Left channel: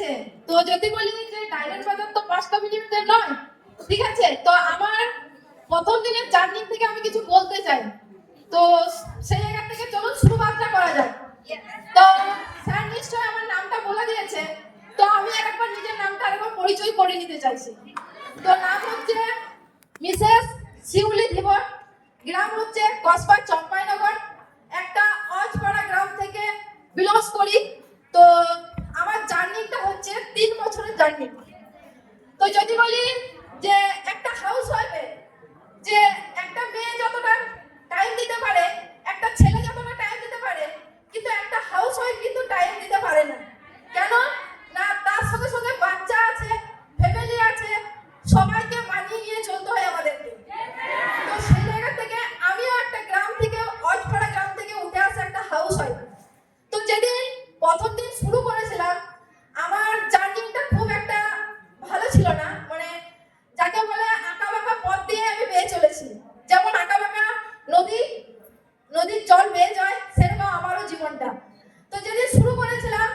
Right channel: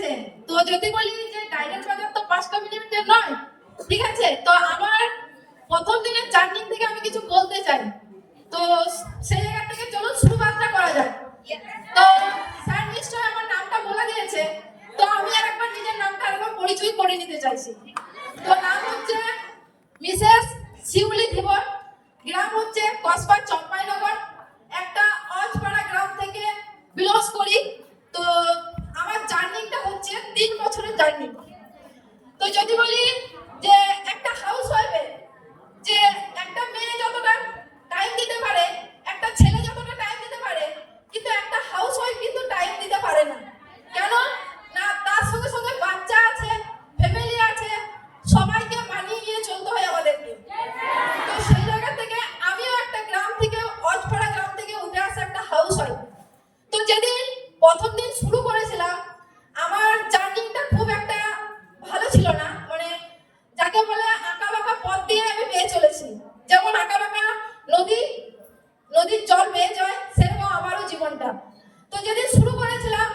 গেছে। তো যদি বলি যে ডাইরেক্ট বাজার তো 5টা মিনিটের নয়, ঠিক আছে? তো আমার প্রথম দিনের জার্নি থেকে আমি কিছু বলতে চাই। তো সেই জায়গা থেকে চলুন শুরুমাত্রা করা যায়। তো স্যার নিশ্চয় আমার নামটা বলে দিয়েছে, তো আমি আর একবার নিজের নামটা আরেকবার পরিচয় করে নিতে চাইছি। তো নাম হচ্ছে মিসেস শিউলি ধীবর, গ্রাম হচ্ছে কসবা চম্পাইনগর, একটা অজপাড়া গ্রাম থেকে বিলংস করি। তো আমার জার্নিটা হচ্ছে 3 বছরের জার্নি। তো যদি বলি যে একটা হাউস ওয়াইফে যে একটা মেয়ে যতটা টাইম দিতে পারে, একটা ছেলে যতটা টাইম দিতে পারে, কিন্তু একটা হাউস ওয়াইফ কিন্তু টাইম দিতে পারে না। কেন না? তার সঙ্গে সঙ্গে বাচ্চা আছে, ফ্যামিলি আছে, সবাইকে মানিয়ে নিয়ে চলতে হয় আমাদেরকে। তো সেই জায়গা থেকে আমিও একটা গ্রাম থেকে, অজপাড়া গ্রাম থেকে উঠে আসা একটা হাউস ওয়াইফ। তো যেদিন প্রথম দিন শুরু করেছিলাম, আমার জার্নিটা খুব একটা ভালো ছিল না। মানে যাকে বলে আঁকা বাঁকা পথ দিয়ে আমি বেয়ে চলেছি। যেমন আঁকা বাঁকা নদীর জল বেয়ে যায়, সেরকম আমারও জীবনটা। তো যেদিন শুরু করেছিলাম,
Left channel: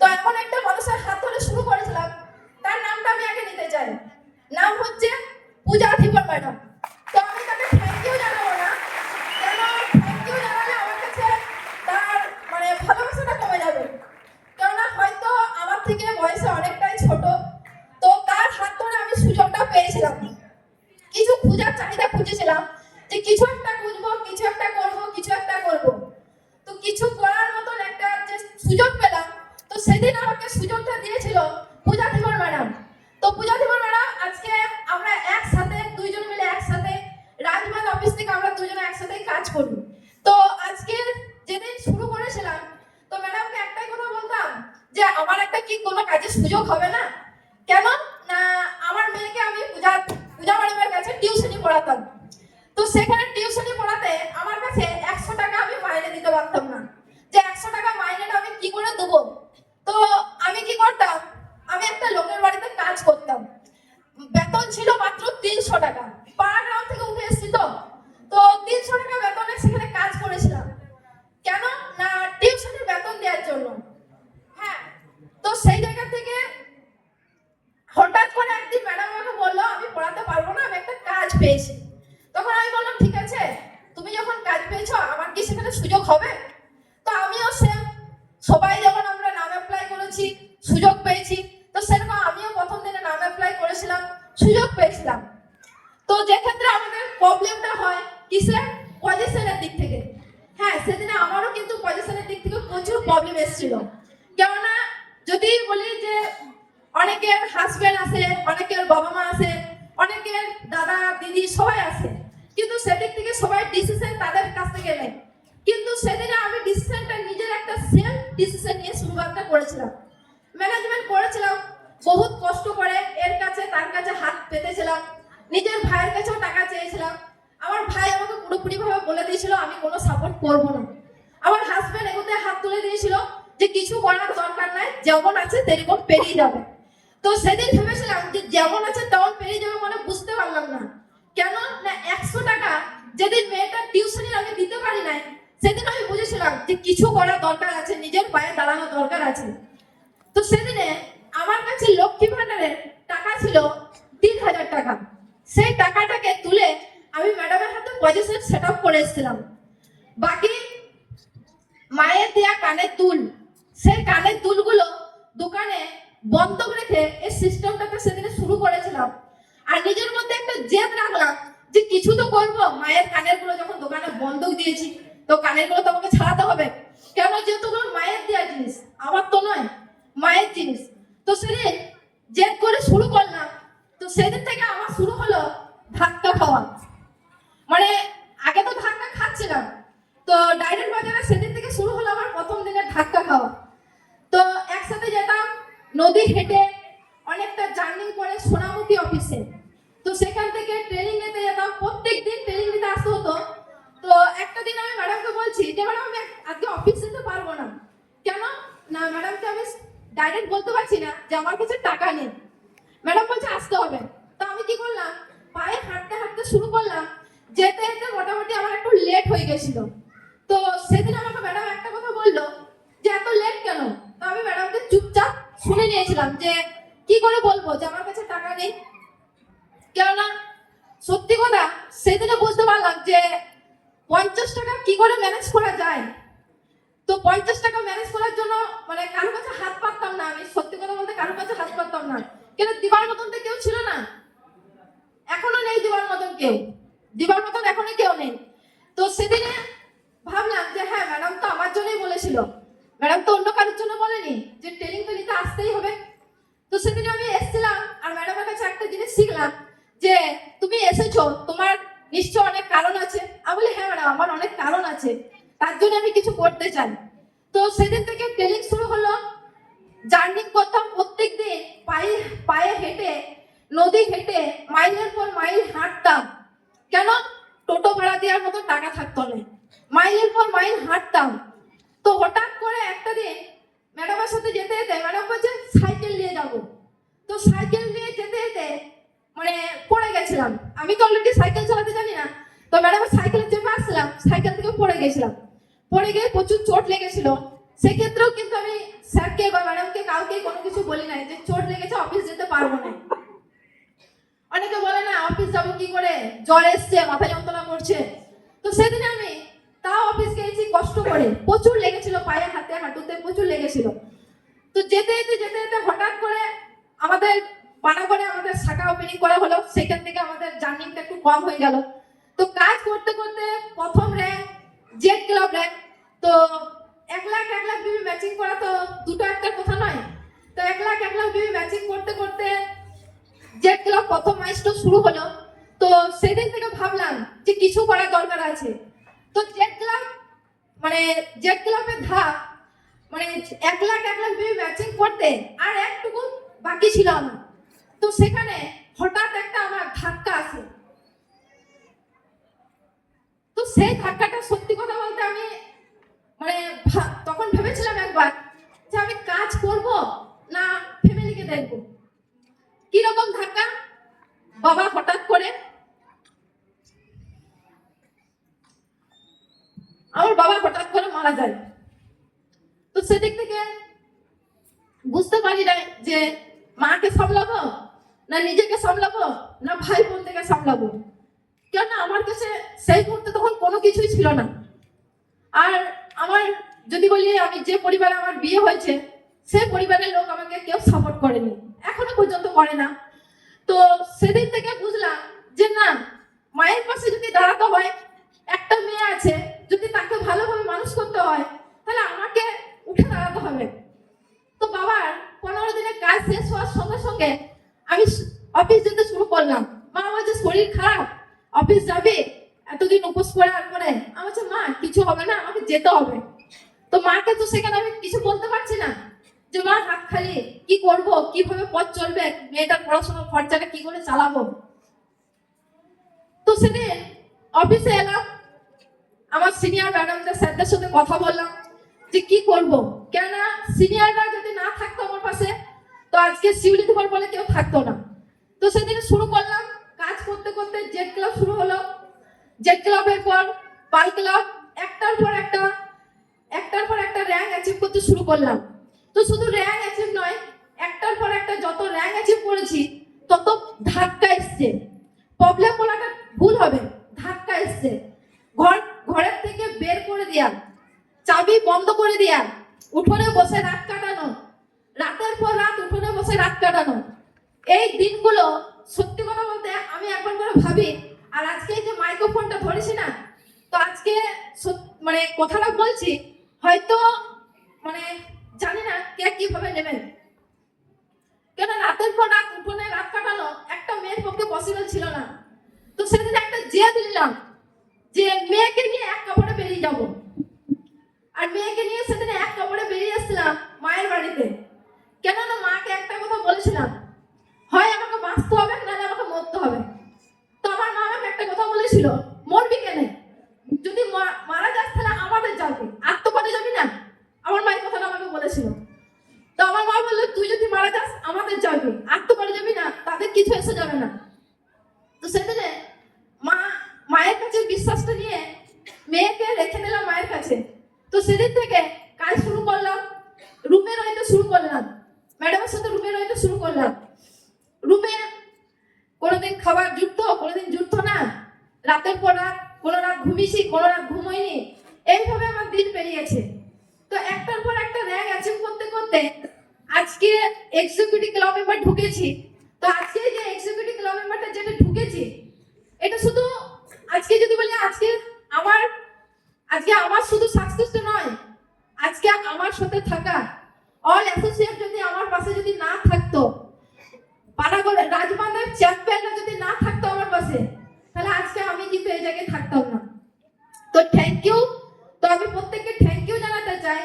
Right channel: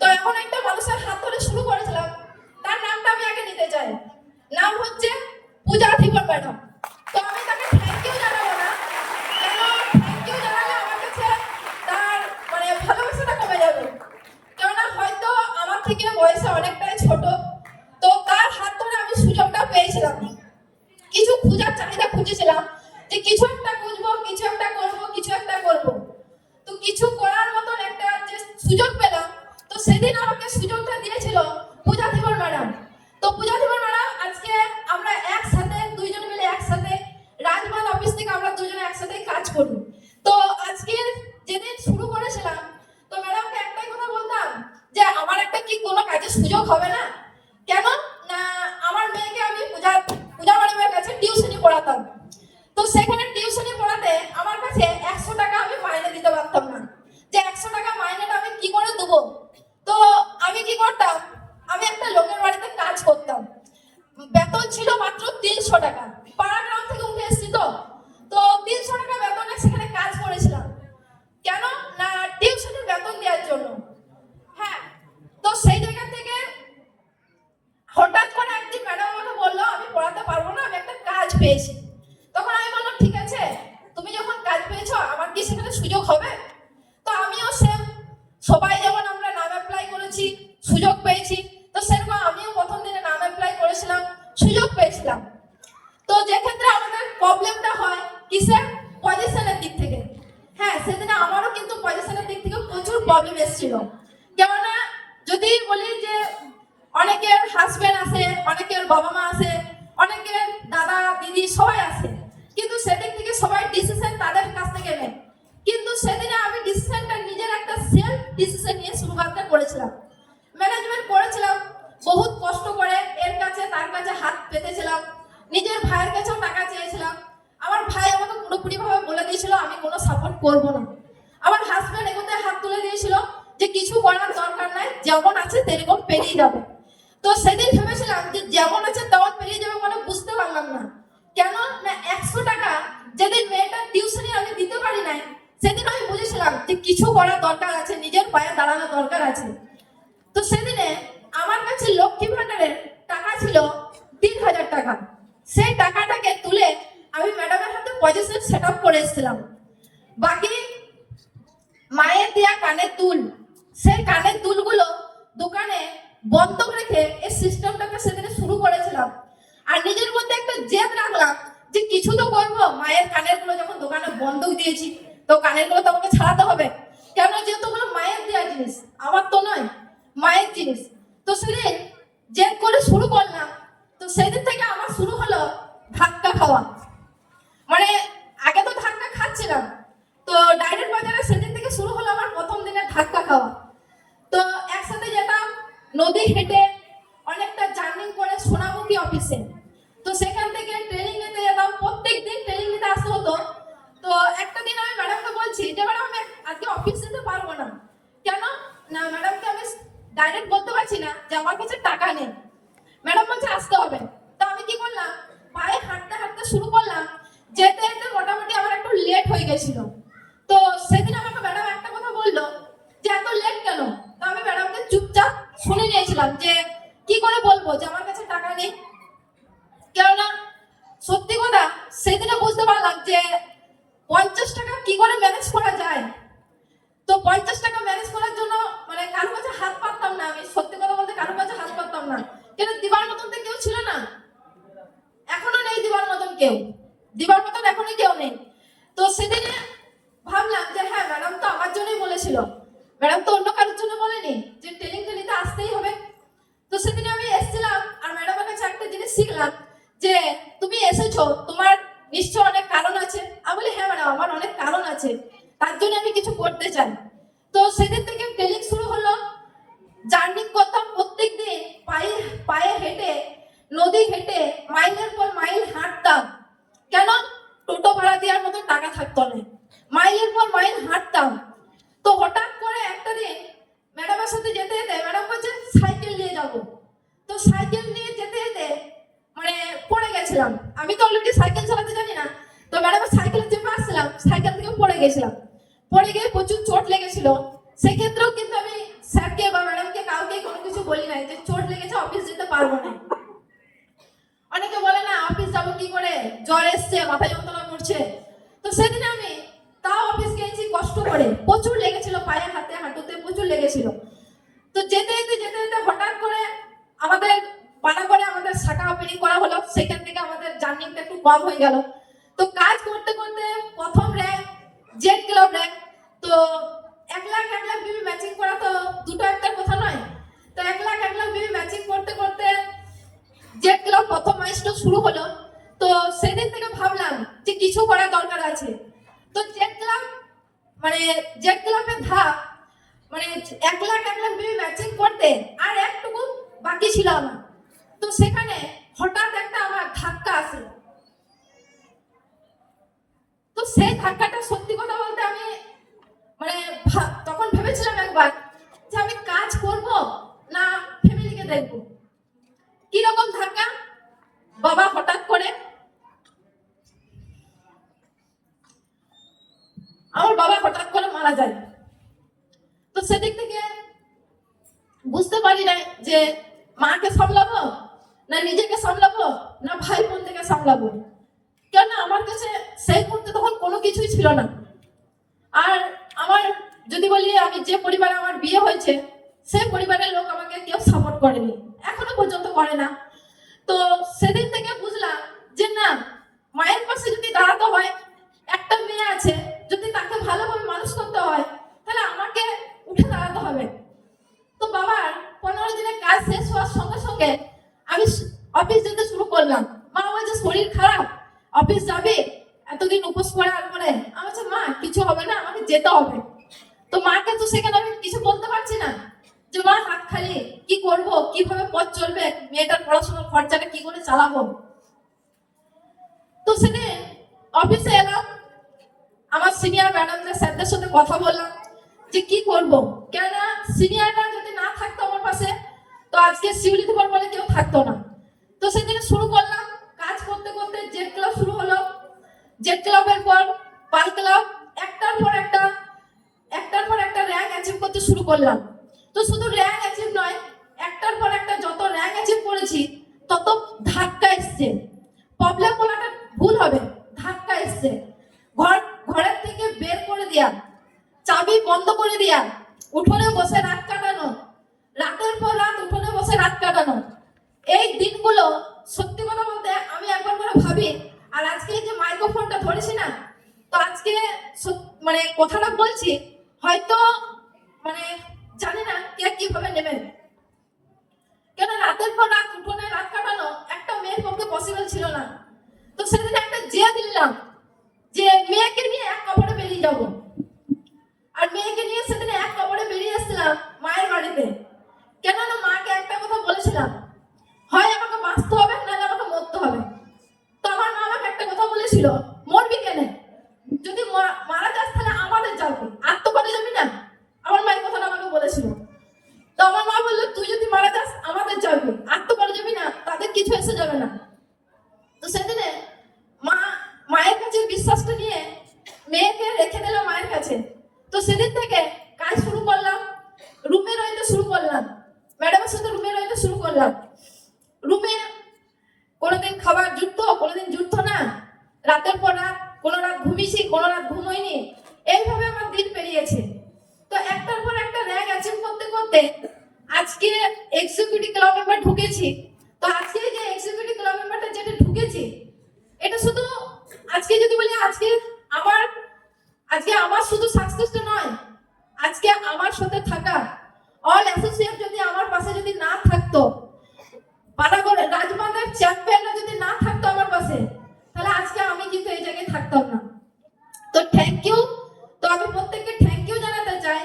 তো এমন একটা মানুষের হাত ধরে শুরু করেছিলাম, তার নামটা আমি আগে নিতে চাই। নাম হচ্ছে পূজা ধীবর ম্যাডাম। তো আমি তাকে থ্যাংক ইউ জানাবো না, কেন থ্যাংক ইউ জানালে আমার কাছে তার মানে ভালোবাসাটা কমে যাবে। কেননা হয়তো আমার থেকে বয়সে অনেকটাই ছোট। তো তার হাত ধরে আমি সুযোগটা পেয়েছিলাম। কিছু খোঁজার চাহিদা খুঁজেছিলাম যে কিছু একটা বুঝবো, কিছু একটা করবো, কিছু একটা করবো। তো কিছু করার মতন একটা যে সুযোগ পেলাম, তো সেদিন আমাকে সুযোগটা দিয়েছিল পূজা ধীবর ম্যাডাম। তো পূজা ধীবর ম্যাডাম আজকে আমরা একসাথে দুইজন মিলে একসাথে রাজমান অফিস থেকে আমরা দুজনে একসাথে কাজ করি। তো আজকে যেদিন শুরু করেছিলাম, তো ম্যাডামকে একটাই কথা বলতাম যে আমার একটা কি কোনো কাজের সুযোগ হবে না? কেন না? আমার মেয়েকে আমি পূজা ম্যাডামের কাছে টিউশনি পড়াতাম। তো সেখানে টিউশনি পড়াতে আমার কাছে 100 টাকা আমি মাইনে দিতে পারতাম না। যে 100 টাকা মাইনেটা আমি কি করে দেবো? তো আমি কি করতাম, আমি একটা লোকের বাড়িতে কাজ করতাম। বেতন ছিল মাত্র 300 টাকা। পাড়া গ্রাম থেকে উঠে এসেছি, তো তো 300 টাকা বেতনে সেখানে কাজ করেছিলাম। কেন না? টিউশনের বেতন দেওয়ার জন্য। হ্যাঁ। তো সেই জায়গা থেকে হঠাৎ করে একদিন ম্যাডাম আমাকে বললো আমি পড়াতে পারবো না, আমি একটা কাজ পেয়েছি। তখন আমি বললাম ঠিক আছে, তুমি যখন কাজ পেয়েছো আমার কি সেখানে সুযোগ হবে? তো আমিও সেম, সবাই যেমন আমরা নাম অ্যাপ্লাই করেছি, সুযোগ পেয়েছি, তো সেরকম আমিও প্রথম দিনে নাম অ্যাপ্লাই করেছিলাম, সুযোগ পেয়েছিলাম। তো যে ক্ষেত্রে আমাদের প্রবলেমটা হয় কিসের? পজিশনের দিক থেকে। হ্যাঁ, সেদিনে আমারও কিন্তু পজিশনের দিক থেকে প্রচুর প্রবলেম এসেছিল। কেননা যদি বলি যে অনেকের হাজবেন্ড আছে, অনেকের বাবা মা আছে, অনেকের দাদা দিদি সবাই আছে, কিন্তু সেদিক থেকে সবাই ডিসিশন তাদের কাছ থেকে নেয়। কিন্তু সেদিনে আমি ডিসিশনটা নিজের একটা সেলফ ডিসিশন নিয়ে শুরুটা করেছিলাম, ম্যানেজমেন্ট করেছিলাম। বহুত কষ্ট করে এর কাছে তার কাছে হাত পেতেছিলাম, নিজের ভাইয়ের কাছেও টাকা চেয়েছিলাম। আমার ভাই আমাকে পুরোপুরি ভাবে বলে দিয়েছিল আমি কোনো সাপোর্ট করব না। আমার হাজবেন্ড এগোতে হাত তুলে দিয়েছিল যে কিছু করার দরকার নাই, যেমন আছে তেরকম পেরিয়ে যাবে। তো সেদিন ভেবেছিলাম যে যেমন আছে তেমন পেরিয়ে যাবে, মানে বুঝতে পারলাম না। কেন না? 100 টাকা যেদিন মেয়েটার টিউশনি আমি দিতে পারি নাই, সেদিন আমি বুঝেছিলাম যে কিছু করার দরকার আছে, নিজের পায়ে দাঁড়ানো দরকার আছে। তো সেদিনে আমার কাছে লক্ষ্মী ভান্ডারের টাকা ছিল 3000 টাকা। সেই টাকাটাকে তুলে আমি ম্যাডামের হাতে পজিশন সেট আপ করে এসেছিলাম। বাকি মায়ের দেয়া কানের দুল, সেই কানের দুলগুলো দোকানে বন্ধক রেখে এই সিস্টেমটাকে সেদিনে শুরু করেছিলাম। আর নিজের মধ্যে একটা জেদ রাখলাম যে কিছু তো করবো, মায়ের কানের গুলো যখন দোকানে বন্ধক দিয়েছি, তো কানের গুলো তো আমাকে ছাড়াতে হবে। কেন? যেহেতু ওগুলো মায়ের দেওয়া জিনিস, আমার তো নয়, মায়ের জিনিস। তো সেদিন জেদ করে শুরু করলাম। তো সেদিন থেকে আমার শুরু হলো ধাক্কা খাওয়া। মানে আগে তো ধাক্কা খাচ্ছিলাম, তো ডাইরেক্ট বাজারে সেদিন থেকে শুরু হলো আমার প্রথম দিনের ধাক্কা খাওয়া। তো একসাথে যেতাম নদী হেঁটে, অনেকটা জার্নি করে সোনামুখী অফিসে। তো সেখান থেকে ট্রেনিং নিতে যেতাম, প্রত্যেক দিন ট্রেনিং নিতে আসতে হতো। তো একটা দিন আমি ম্যাডামকে বলছি যে ম্যাডাম আমি আজকে অফিস যেতে পারবো না। কেন না? ম্যাডামকে আমি ডাইরেক্ট বলতে পারছি না যে আমার কাছে টাকা নেই। ম্যাডাম বলছে আসতে হবে। তো আমি কি করলাম, পায়ে হাঁটতে হাঁটতে শুরু করলাম। যেতে যেতে মোটামুটি আমার একটু লেট হয়ে গেছিল। তো সেদিন আমাকে ম্যাডাম একটা কথা বললো যে এত লেট কেন? তো আমি ম্যাডামকে চুপচাপ শুনে নিয়েছিলাম যে কি করে বলবো যে আমার কাছে টাকা নেই। কেননা সত্যি কথা সেদিনে বুঝতে পারলাম যে 50 টাকা কি করে ম্যানেজ করা যায়। তো 50 টাকা ম্যানেজ করার জন্য মানে কারো কাছে হাত পাততাম না, আমি সত্যি কথা বলতে কারো কাছে হাত পাততাম না, কেন দিবার মতন তো কেউ ছিল না, এখনো নেই দিবার মতন কেউ, দিবার মতন এখনই কেউ নেই। তো সেদিনে ভাবলাম যে হ্যাঁ ম্যাডাম তো আমার জন্যই বলেছিল, ম্যাডাম তো অন্য কারোর জন্য বলেনি যে ট্রেনিং টেনিতে আসতেই হবে। তো সেদিনে আমি এসেছিলাম আর ম্যাডামের কাছে একটা জিনিস শিখলাম যে তুমি এসেছো তোমার নিশ্চয় অনেক কারণ আছে। আমি বলি হ্যাঁ ম্যাডাম আমার অনেক কারণ আছে, তার জন্য আমি কিছু করতে চাই। তো সেদিন থেকে ট্রেনিং শুরু হলো, জার্নি করতাম প্রত্যেক দিন পায়ে পায়ে হেঁটে, নদী হেঁটে মাইলের পর মাইল হাঁটতাম। কেন? টোটো ভাড়া দেওয়ার মতো টাকা থাকতো না, মাইলের পর মাইল হাঁটতাম। তো হঠাৎ করে একটা দিন ম্যাডামের সাথে যেতে যেতে ম্যাডাম বলছে সাইকেল নিয়ে যাব। তো সাইকেল নিয়ে যেতে যেতে মানে পড়ে গেছিলাম, আমি তো অলরেডি সাইকেল চালাতে জানি না। তো ম্যাডামের সাইকেলে চেপে আসছিলাম, সাইকেল থেকে পড়ে গেছিলাম, পড়ে গিয়ে প্রচুর চোট লেগেছিল। সেক্ষেত্রেও কিন্তু আমি স্যারকে বা ম্যাডামকে কাউকে কোনো কিছু বলি নাই যে চোট লেগেছে অফিস যেতে পারবো না। অনেকে বলে না অফিস যাবো কি করে, জ্বর এসছে মাথা যন্ত্রণা করছে। তো সেদিন আমি তাও অফিস গিয়েছি কষ্ট করে, প্রচুর লেগেছিল পায়ে হাতে হাঁটুতে প্রচুর লেগেছিল। তো যেতে যেতে যেতে যেতে হঠাৎ করে আমাদের পানাগড়ে আমাদের শাখা ওপেনিং করা হলো, সেখান থেকে আমাদের জার্নিটা একটু কম হয়ে গেল। তো কাজ করতে করতে প্রথম র্যাঙ্ক জেড ক্লাব র্যাঙ্ক। তো 1 লাখ বিবি ম্যাচিং করা তো দুটো একটা কথা নয়। তো 1 লাখ বিবি ম্যাচিং করতে করতে জেড ক্লাব প্রথম মাইলস্টোন শুরু হলো। তো সেদিন থেকে ভাবলাম যে কিছু করার দরকার আছে। তো জেড ক্লাব মানে জেড ক্লাবের ধাপ মানে 1 লাখ বিবি ম্যাচিং করতে আর একটুকু বাকি ছিল আমার। তো সেখানে হঠাৎ একটা আমার ধাক্কা আসে। তো সেই ধাক্কাটা সত্যি কথা বলতে আমি মানে তখন ভেবেছিলাম একবার যে আমি কাজ করব না ফ্যামিলিকে দেখবো। কিরকম ধাক্কা? বাবা হঠাৎ করে আমার বাবা হঠাৎ করে মারা যায়। তো সেদিক থেকে বুঝতে পারি না যে মাকে সামলাবো না নিজেকে সামলাবো না ভাই বোন থেকে সামলাবো। কেন আমার কাছে সেই মুহূর্তে তখন কোনো কিছুই ছিল না। আর আমার যদি বলি আমি যে পরিবারে আমার বিয়ে হয়েছে সেই পরিবারের লোক আমাকে কেউ সাপোর্ট করেনি, এখনো পর্যন্ত করে না। তো সেদিন থেকে বুঝলাম যে না, মায়ের পাশে যদি দাঁড়াতে হয়, একটা মেয়ে আছে যদি তাকে ভালোভাবে মানুষ করতে হয় তাহলে আমাকে উঠে দাঁড়াতে হবে। তো বাবার 15 দিনের কাজ শেষ হওয়ার সঙ্গে সঙ্গে আমি অফিস যেতে শুরু করলাম। মা বলছে শরীর খারাপ অফিস যাবে, এতদিন উপোস করে আর করে। আমি বলছি মা কিছু হবে না, আমাকে যেতে হবে। তো মাকে তো সেখানে আমি কিছু বলতে পারছি না যে মা হাত খালি, কি করব, কিভাবে পথ চলবে, মেয়েটার পড়াশোনার খরচাটা কি করে চালাবো। তো সেদিন অফিসে এলাম, আমার সিনিয়র ম্যাডামদের স্যারদের সাথে কথা বললাম যে কি করব। কেননা সিনিয়ররা যদি না থাকতো আমার পাশে তো আজকে শিউলি ধর বলে কেউ থাকতো না। তো সেদিন শুরু করলাম, কাজ করতে করতে জেড ক্লাব শুরু হলো। জেড ক্লাবের পর পাল ক্লাব, একটার পর একটা র্যাঙ্ক অ্যাচিভ করতে শুরু করলাম। তো শুধু র্যাঙ্ক অ্যাচিভ নয়, একটার পর একটা যত র্যাঙ্ক অ্যাচিভ করেছি তত ধাক্কা এসছে। প্রবলেম বলাটা ভুল হবে, ধাক্কা এসছে। ঘরের থেকে বের করে দেয়া, চাবি বন্ধ করে দেয়া, উঠোনে বসে রাত কাটানো, রাতের পর রাত উঠোনে বসে রাত কাটানো, এই দিনগুলো সত্যি কথা বলতে আমি একবার করে ভাবি। আর আজকে যে মাইক্রোফোনটা ধরেছি না, তো আজকে মানে কথাটা বলছি হয়তো মানে জানি না কে কিভাবে নেবেন। কেন রাতের পর রাত উঠোনে রাত কাটানো একটা মেয়ের পক্ষে পসিবল ছিল না। তো সেদিন একটা জেদ দিলাম যে মেয়েকে নিয়ে এক কাপড়ে বেরিয়ে যাব। আর মেয়েকে নিয়ে সেদিন এক কাপড়ে বেরিয়ে এসেছিলাম মায়ের বাড়িতে। কেননা মাকে একটা কথা বলেছিলাম, হয় আমাকে বাঁচতে হবে নাহলে আমাকে মরতে হবে। তো আমার মা আমাকে একটা কথা বলেছিল, মরবি কেন, যদি মারা যাস তাহলে আমাদের যাবে, আত্মপরে যাবি না। আমার মায়ের কথাটা আমাকে বলেছিল। তো আমার মা বললো তুই যদি মারা যাস আমাদের যাবি, আত্মপরে যাবি না, তাদের কিছু এসে যাবে না। তো সেদিনে মায়ের কাছে বিশ্বাসটা নিয়ে মেয়েকে রেখে দিলাম মায়ের কাছে। তো সেদিন থেকে কাজ শুরু করলাম, রুমে রইতে শুরু করলাম। ম্যাডামের সাথে রুমে রইতে শুরু করলাম। রুমে কোনোদিন খাবার জুটতো, কোনোদিন জুটতো না, রাতের পর রাত, কোনো রাত ঘুমিয়েছি, কোনো রাত ঘুমোইনি, এইভাবে আমার দিন পেরিয়েছে। তো একটার পর একটা র্যাঙ্ক অ্যাচিভ করতে করতে আজকে এক্সিকিউটিভ ক্লাব মেম্বার ঢুকেছি। তো আজকে যে এক্সিকিউটিভ ক্লাব মেম্বারটা যেটা ঢুকেছি, এটা শুধু আজকে যদি বলি আমার শুধু সাকসেসটা নয়, আজকে আমার সাথে থাকা অল অ্যাসোসিয়েট যদি আমার পাশে যদি না থাকতো, পানাগড় রাজবাঁধের চ্যাম্পিয়নরা যদি না থাকতো আমার পাশে, তাহলে আজকে আমি কিন্তু এই জায়গায় থাকতাম না। তো থ্যাংক ইউ। তো আমি প্রত্যেককে থ্যাংক ইউ জানাতে চাই।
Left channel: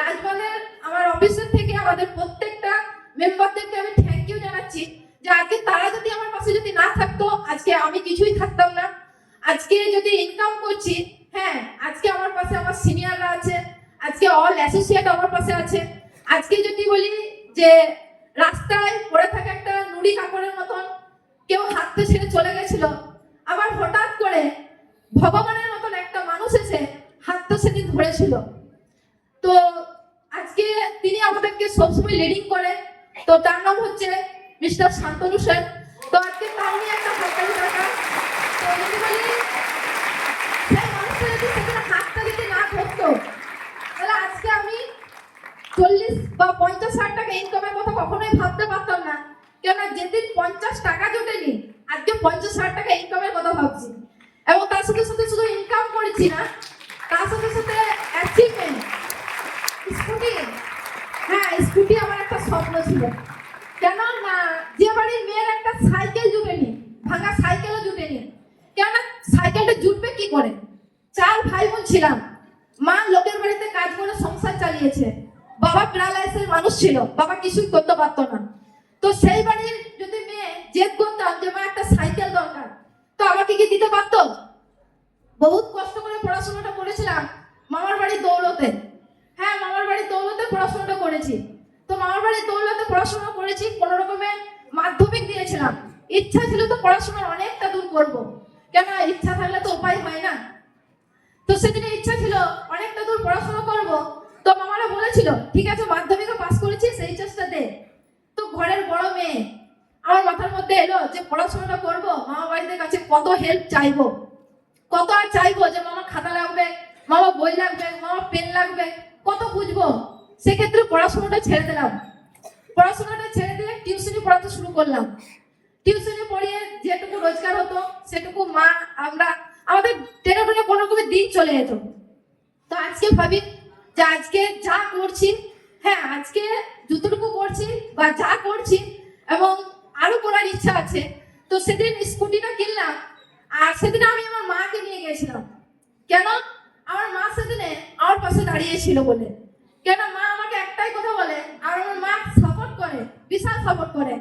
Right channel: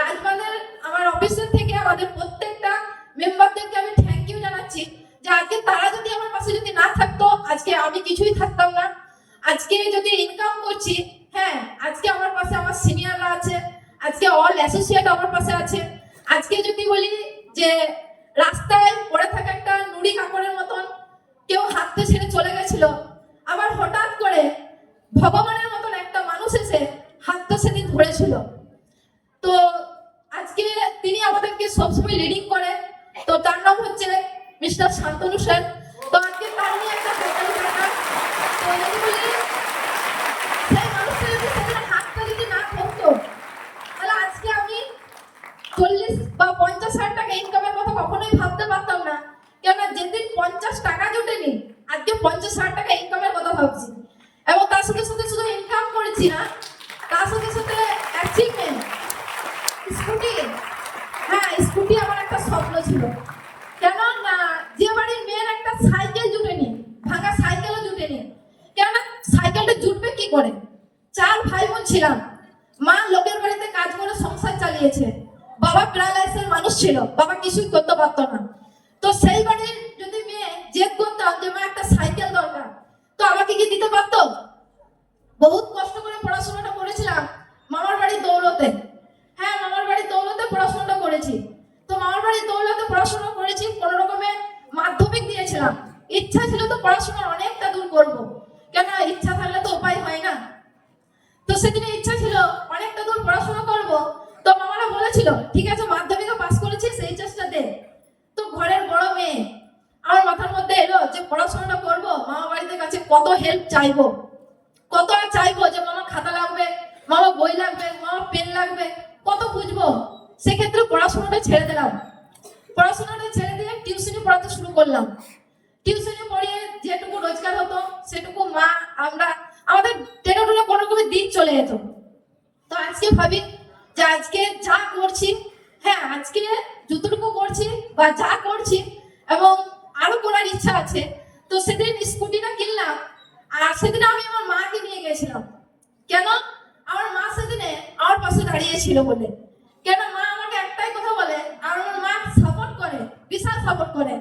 রাজবাঁধের আমার অফিসের থেকে আমাদের প্রত্যেকটা মেম্বারদেরকে আমি থ্যাংক ইউ জানাচ্ছি যে আজকে তারা যদি আমার পাশে যদি না থাকতো, আজকে আমি কিছুই থাকতাম না। আজকে যদি ইনকাম করছি, হ্যাঁ, আজকে আমার পাশে আমার সিনিয়ররা আছে, আজকে অল অ্যাসোসিয়েট আমার পাশে আছে। আজকে যদি বলি যে রাস্তায় পড়ে থাকা একটা নুড়ি কাপড়ের মতন কেউ হাতটা ছেড়ে চলে গেছিল, আবার হঠাৎ করে ভগবানের মতন একটা মানুষ এসে হাতটা সেদিন ধরেছিল। তো আজকে তিনি আমাদেরকে সবসময় লিডিং করে। তো তার নাম হচ্ছে মিস্টার শান্তনু স্যার। তো আজকে তার নিয়ে একটা হাততালি দরকার। তো যদি বলি সেই মানুষটা যদি সেদিন হাতটা যদি না ধরতো, তাহলে আজকে আমি 40 বা 50,000 টাকা ইনকামের কথা কখনোই ভাবতে পারতাম না। কেননা যেদিন 50 টাকা জোটেনি, আজকে 50,000 টাকা ইনকামের কথা ভাবছি। এবং তার সাথে সাথে শুধু ইনকাম করেছি না, তার সাথে সাথে অ্যাচিভমেন্ট, স্কুটি। হ্যাঁ, স্কুটি আমার একটা স্বপ্ন ছিল। কেন না, যে বাড়ির মেয়ের একটা সাইকেল জুটেনি, ভাঙা সাইকেলও জুটেনি, কেননা সাইকেলটা জুটবে কি করে? 4 ভাই বোন ছিলাম, মা লোকের বাড়িতে কাজ করে সংসার চালিয়েছে, বাবা প্যারালাইসের মানুষ ছিল, বাবা কিছুই করতে পারতো না। তো সেই বাড়ির যদি মেয়ে জেদ করতাম যে মা একটা সাইকেল দরকার, তো আমাকে কি দিতে পারতো? বহুত কষ্ট করে পড়াশোনাটা করেছিলাম মামার বাড়ির দৌলতে। হ্যাঁ, মামার বাড়ির দৌলতে পড়াশোনাটা করেছি। তো মামার বাড়ির দৌলতে পড়াশোনা করেছি, কোনো রকমে মাধ্যমিক দিয়েছিলাম। ইচ্ছা ছিল তো পড়াশোনার অনেকটা দূর করব, কেন ইচ্ছা থাকলে তো উপায় হয় না। তো সেদিনে ইচ্ছা ছিল অনেকটা দূর পড়াশোনা করব। তো মামারা বলেছিল ঠিক আছে, মাধ্যমিকে পাস করেছিস, এই চেষ্টা দে। তো ঘরের বড় মেয়ে, আমার মাথার মধ্যে এলো যে পড়াশোনাটা করব, মামা বাড়িতে কাছে কত হেল্প চাইবো, কত আর চাইবো যে মামা খাতা লাগবে, মামা বই লাগবে, মামা পেন লাগবে, কত খুঁজবো। সেক্ষেত্রে পড়াশোনাটা ছেড়ে দিলাম। পড়াশোনাটা ছেড়ে দিয়ে টিউশনি পড়াতে শুরু করলাম। টিউশনি পড়িয়ে যেটুকু রোজগার হতো সেটুকু আমাদের টেনে টুনে কোনো রকমের দিন চলে যেত। তো আজকে ভাবি যে আজকে যা করছি, হ্যাঁ, আজকে যতটুকু করছি বা যা করছি এবং আরো করার ইচ্ছা আছে। তো সেদিন স্কুটিটা কিনলাম, আর সেদিন আমি আমার মাকে নিয়ে গেছিলাম। কেন? আমার মা সেদিনে আমার পাশে দাঁড়িয়েছিল বলে। কেন? মা আমাকে একটাই কথা বলে, আর আমার মা সাপোর্ট করে, বিশাল সাপোর্ট করে।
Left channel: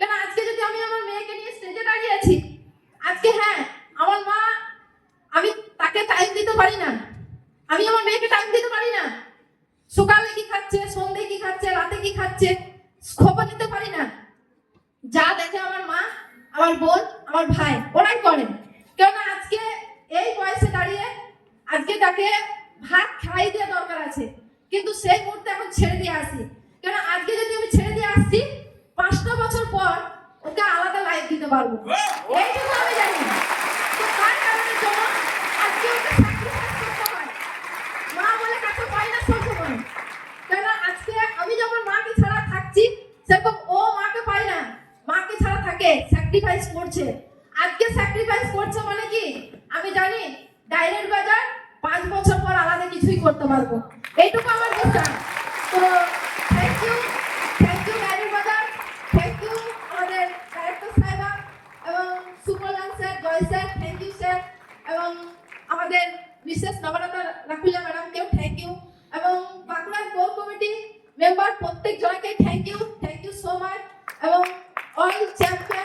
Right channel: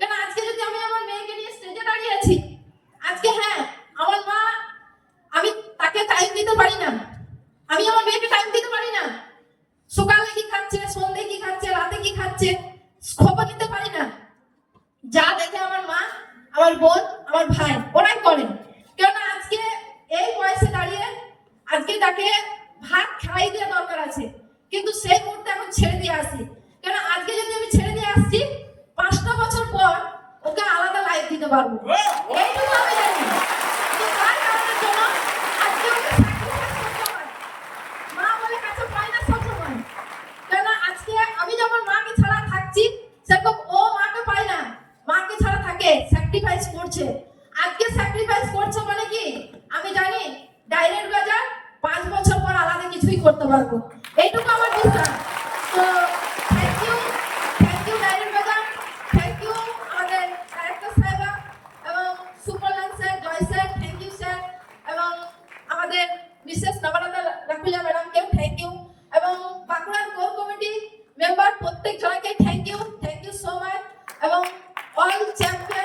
কেন? আজকে যদি আমি আমার মেয়েকে নিয়ে স্টেজে দাঁড়িয়ে আছি, আজকে হ্যাঁ, আমার মা, আমি তাকে টাইম দিতে পারি না, আমি আমার মেয়েকে টাইম দিতে পারি না। সকালে কি খাচ্ছে, সন্ধ্যে কি খাচ্ছে, রাতে কি খাচ্ছে, খবর নিতে পারি না। যা দেখে আমার মা, আমার বোন, আমার ভাই, ওরাই করে। কেননা আজকে এই বয়সে দাঁড়িয়ে আজকে তাকে ভাত খাই দেওয়া দরকার আছে, কিন্তু সেই মুহূর্তে এখন ছেড়ে দিয়ে আসি। কেন? আজকে যদি আমি ছেড়ে দিয়ে আসছি, 5টা বছর পর ওকে আলাদা লাইফ দিতে পারবো, এইটুকু আমি জানি। তো তার কারণের জন্য আজকে ওকে স্যাক্রিফাইস করতে হয়। মা বলে কাছে পাই না সবসময়। কেন? আজকে আমি যখন মাকে ছাড়া থাকছি, সেরকম ও মাকে পায় না, মাকে ছাড়া থাকে, স্যাক্রিফাইস করছে। আজকে স্যাক্রিফাইস করছে মানে কি আমি জানি, ডাইরেক্ট বাজার 5 বছর পর আলাদা কিছুই করতে পারবো, এইটুকু আমার বিশ্বাস। তো থ্যাংক ইউ ডাইরেক্ট বাজার, থ্যাংক ইউ আমাদের ডাইরেক্টর সাহেবা এবং Sumlan sir, Joy sir, thank you sir, এবং আমাদের মিসেস নবরত্ন রাখুলিয়া ম্যাডামকেও থ্যাংক ইউ, এবং বাঁকুড়ার কোর কমিটি মেম্বার প্রত্যেক জনকে থ্যাংক ইউ সো মাচ, এবং অল চ্যাম্পিয়ন